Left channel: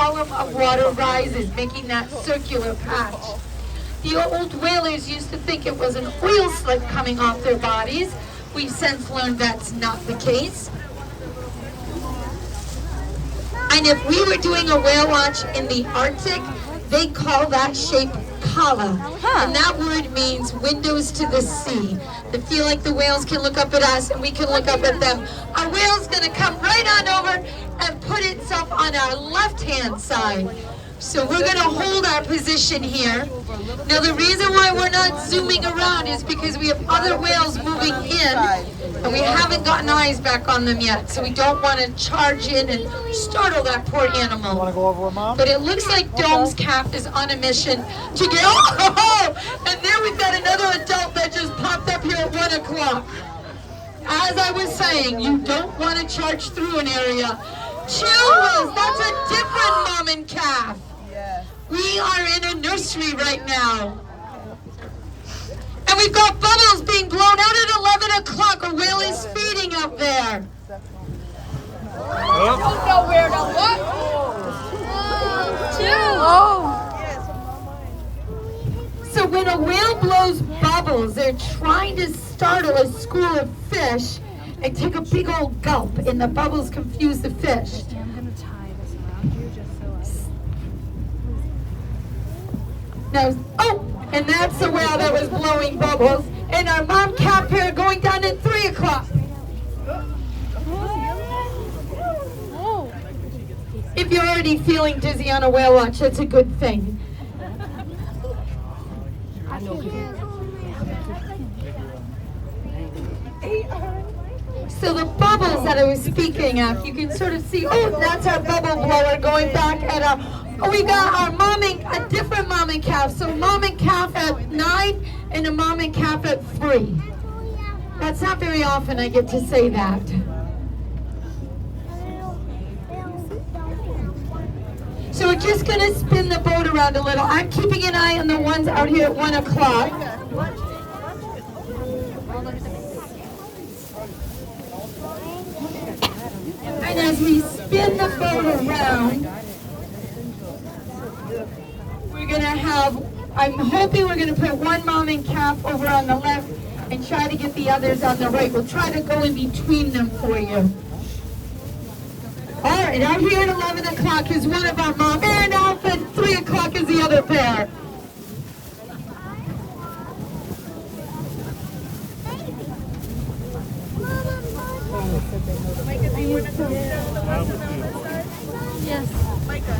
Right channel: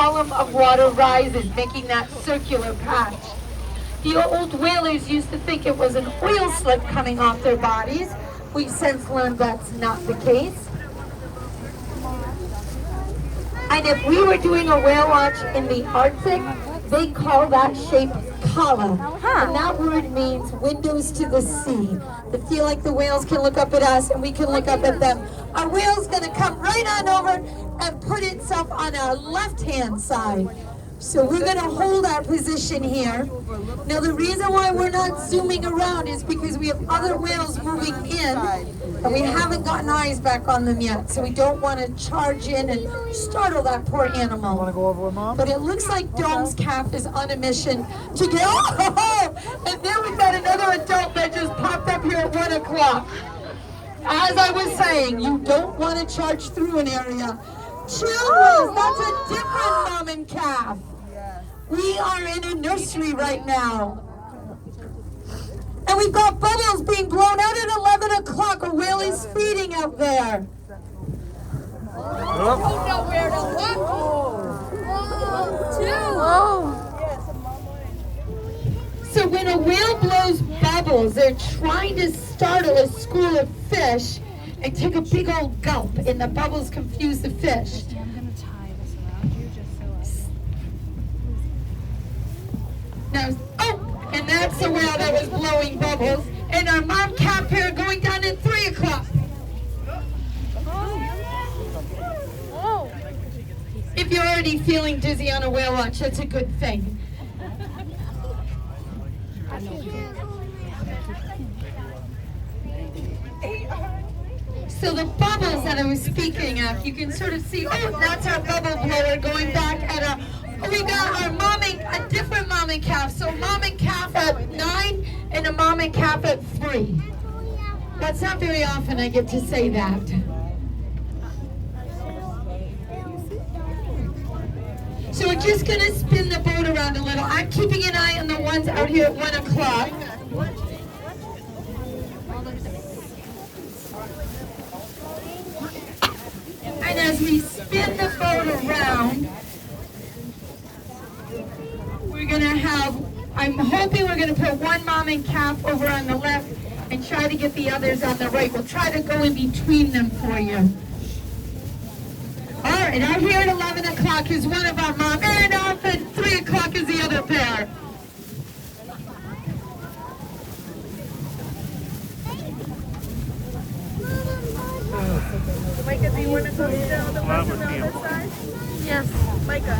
column of water rises, making that circular patch. The old whalers used to think it was an oil slick coming off their bodies. We've since learned that's not the case. And if we were doing a whale watch in the Arctic, they call that shape kala. And that word means windows to the sea. To feel like the whales can look up at us and we can look up at them. Our whale's going to come right on over and put itself on our left-hand side. So we're going to hold our position here. Now the reason why we're not zooming around is because we have other whales moving in and we haven't gotten eyes back on them yet. So we don't want to charge in and startle that poor animal. Want to go over with Mom? But it looks like Dome's calf is on a mission to get, and there we've got another adult that just popped up here at 1 o'clock. As I was saying, you don't want to charge through an area. Chill, that's a different mom and calf. We are in a nursery right now. And we've got bubbles being blown out at 11 o'clock. A whale is feeding out there. I don't know where to look. So when a whale blows bubbles, they're trying to startle a school of fish and take a big old gulp, and the bubbles confuse the fish. I'm going to tie this around you just so Now, and that's the whale that was blowing bubbles. And our mom calf here going down at 3 o'clock. If you're already feeling dizzy on a whale watch, that's a good thing. So the bubbles that I was speaking of, you can sort of see, that's our bubble blower going back at our, we got our a different mom and calf. So mom and calf at 9 and a mom and calf at 3. That's not very often I get to say that. So we're just going to spin the boat around a little. I'm keeping an eye on the ones out here at 1 o'clock. And as we spin the boat around, we're going to have, I'm hoping we're going to put one mom and calf over on the left and try to get the others on the right. We'll try to go in between them for you. All right, out here at 11 o'clock is one of our mom, and off at 3 o'clock is the other pair. Micah, do you want to come down the bus on this side? Yes. Micah.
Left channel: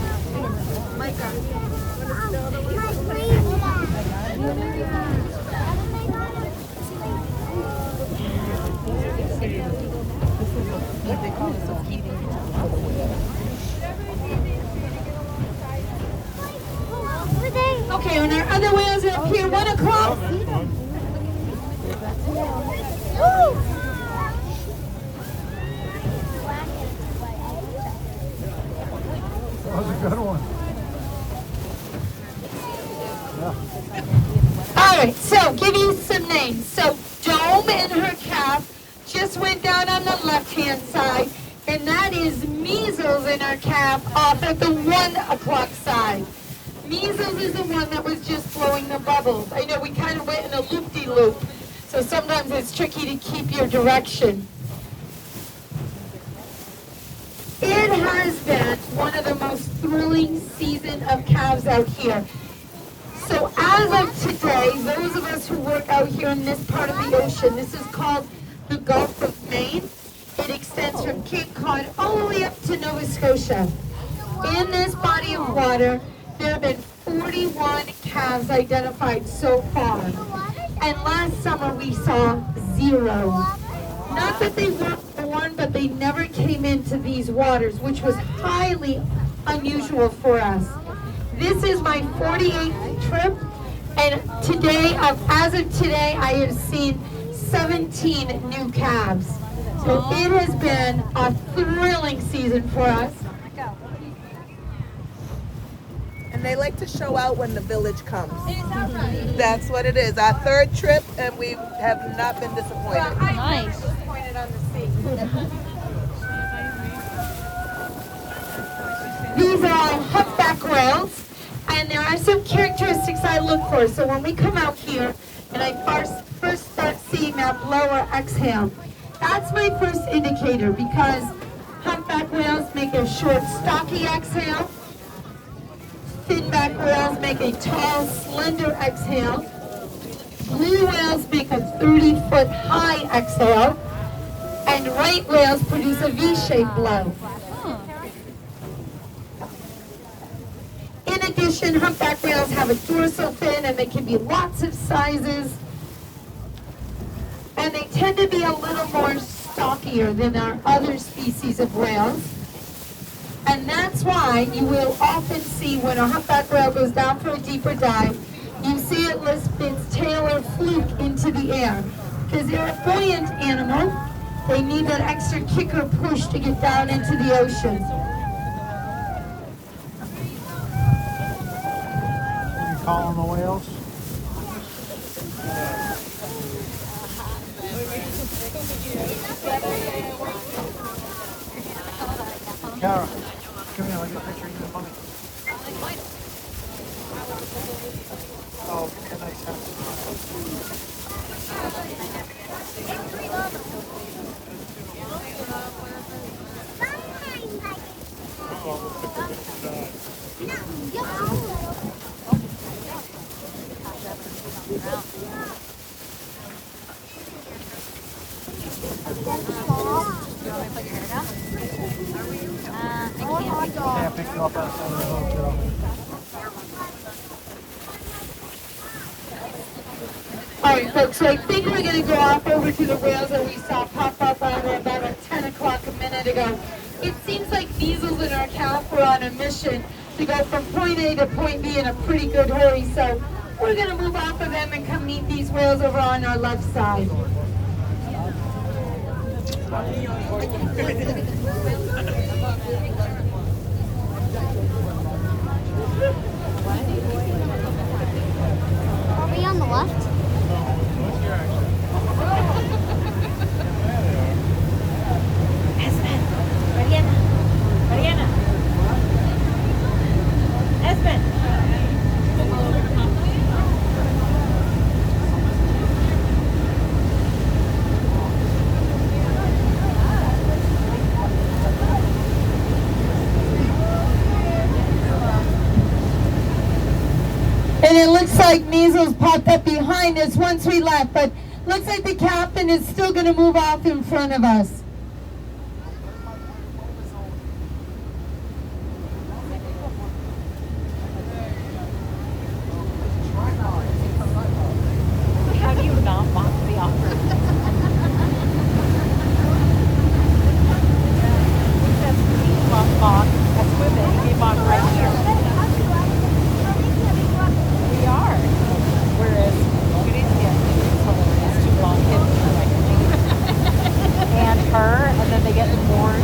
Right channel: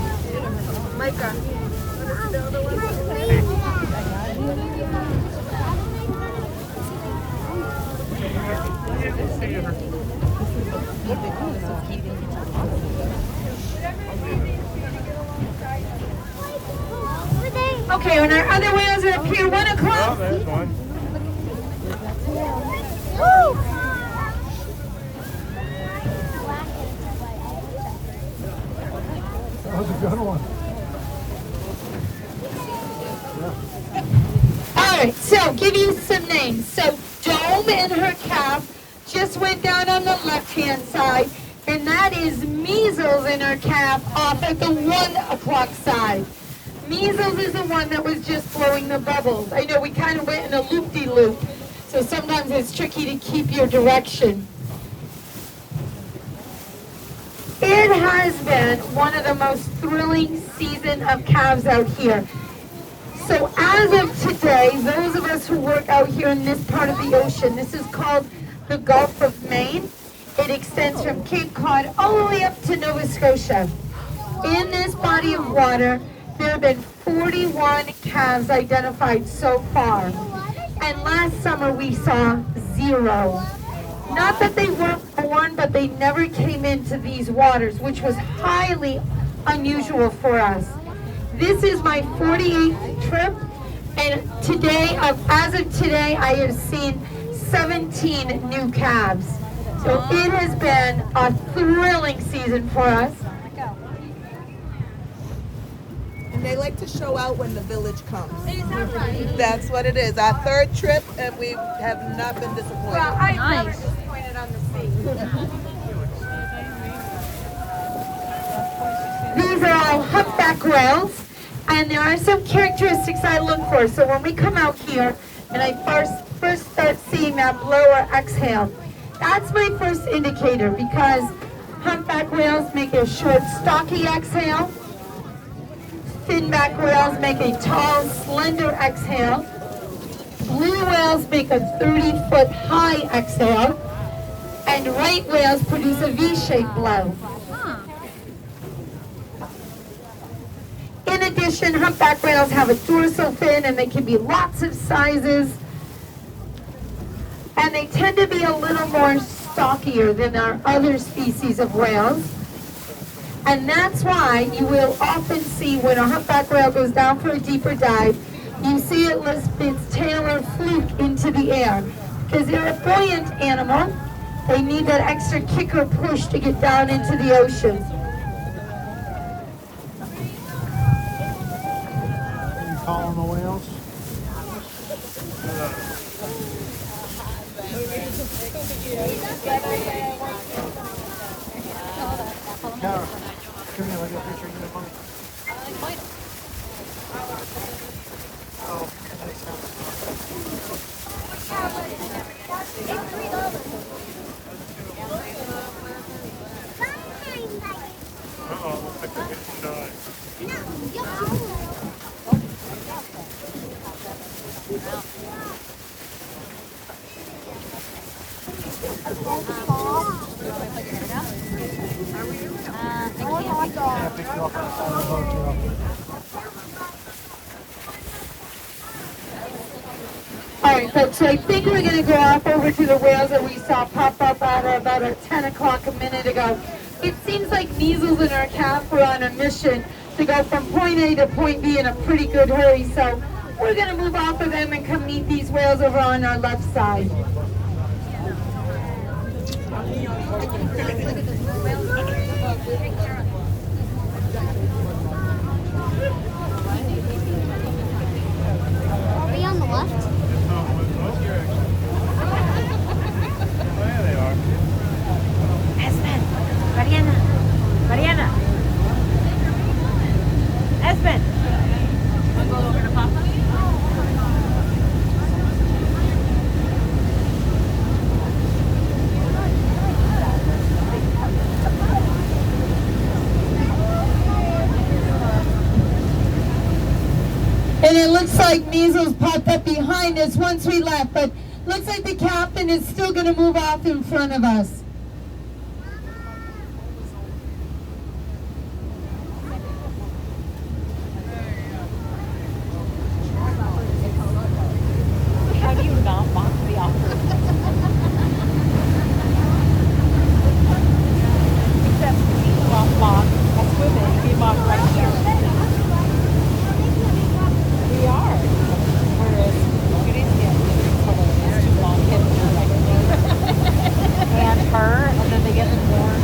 Okay, and our other whales are up here, 1 o'clock. That was a good one. All right, so give you some names. So Dome and her calf just went down on the left-hand side, and that is Measles and her calf off at the 1 o'clock side. Measles is the one that was just blowing the bubbles. I know we kind of went in a loop-de-loop, so sometimes it's tricky to keep your direction. It has been one of the most thrilling season of calves out here. So as of today, those of us who work out here in this part of the ocean, this is called the Gulf of Maine. It extends from Cape Cod all the way up to Nova Scotia. In this body of water, there have been 41 calves identified so far. And last summer we saw 0. Not that they weren't born, but they never came into these waters, which was highly unusual for us. This is my 48th trip, and today, as of today, I have seen 17 new calves. So it has been a thrilling season for us. And they like to show out when the village comes. That's what it is. Our 3rd trip, and we have not been disappointed. Nice. These are our humpback whales, and there are some characteristics I look for. So when we come out here and I first start seeing that blower exhale, that's my first indicator, because humpback whales make a short, stocky exhale. Finback whales make a tall, slender exhale. Blue whales make a 30-foot high exhale. And right whales produce a V-shaped blow. In addition, humpback whales have a dorsal fin, and they can be lots of sizes. And they tend to be a little more stockier than our other species of whales. And that's why you will often see when a humpback whale goes down for a deeper dive, you see it lift its tail or fluke into the air. Because they're a buoyant animal, they need that extra kick or push to get down into the ocean. You calling the whales? Kara, come here, let me get a picture of you and mommy. Oh, a nice house. Yeah, pick you up outside of the hotel. All right, folks, so I think we're going to go off over to the whales that we saw pop up at about 10 o'clock a minute ago. It seems like Measles and our calf were on a mission to go from point A to point B in a pretty good hurry, so we're going to move off of them and come meet these whales over on our left side. Are we on the left? And it looks like Measles popped up behind us once we left, but looks like the captain is still going to move off in front of us. How do you not mock the offer? That's good that you mocked right here. We are. Whereas it's too long. And her, and then they get more.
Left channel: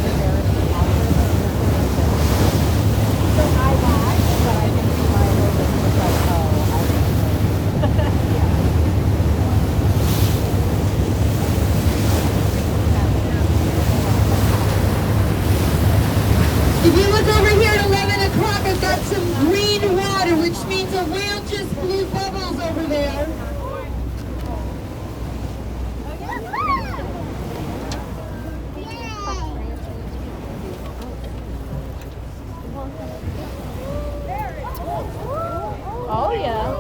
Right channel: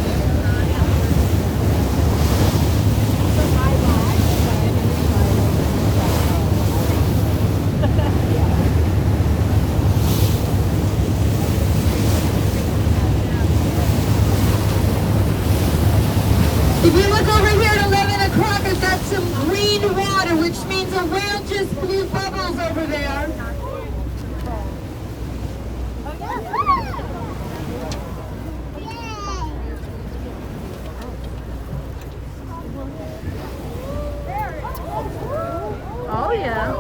If you look over here at 11 o'clock, I've got some green water, which means a whale just blew bubbles over there. Oh, yeah.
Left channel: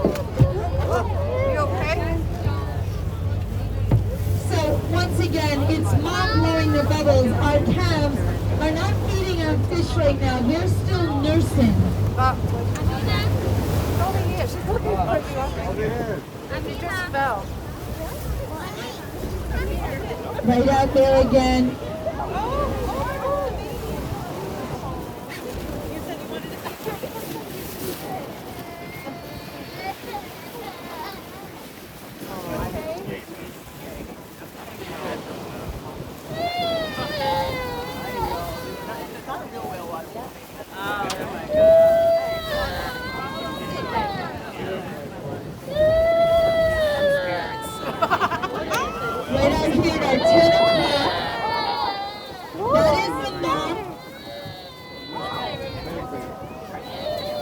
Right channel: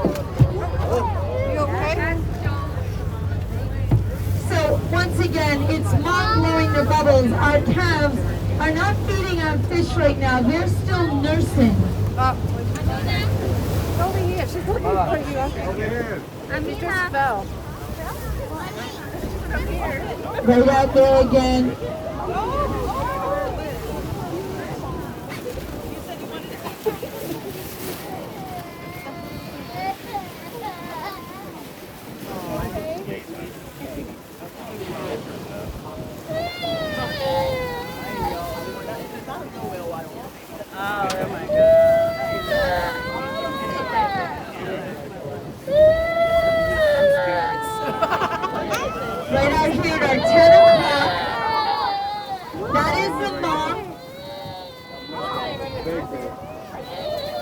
You okay? So once again, it's not blowing the bubbles. Our calves are not feeding on fish right now. They're still nursing. Over here. She's looking for you. Over here. She just fell. Right out there again.